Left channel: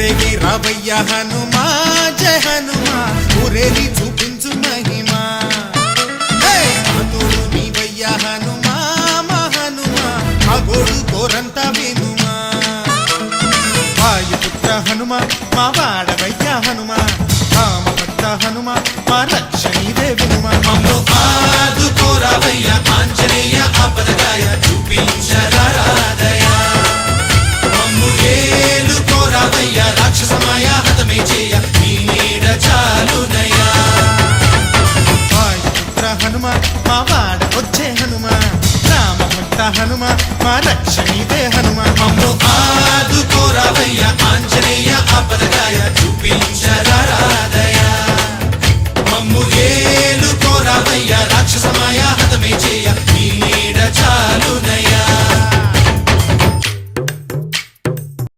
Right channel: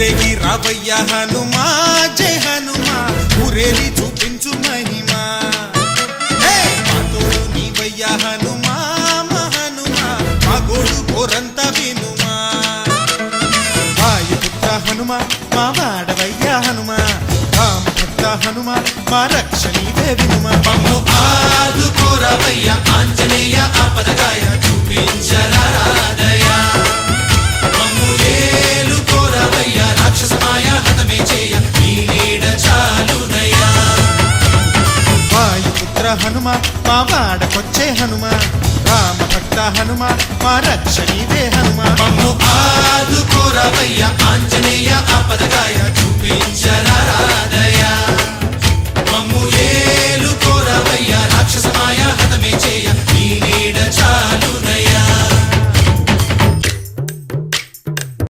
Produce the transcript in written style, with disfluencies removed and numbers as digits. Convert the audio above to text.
ఊరేగి రావయ్య హనుమా జయ హనుమా ఊరేగి చూపించు మహిమా తోడు నీవయ్య హనుమా మా హనుమా మా గోడు కోరంత వినుమా వాయుపుత్ర హనుమా మా వాడవయ్య హనుమా రామపుత్ర హనుమా మా రక్షణీవే వినుమా మమ్ము ఆదుకోరావయ్య ఆంజనేయ ఆపదగాయ చూపించరారా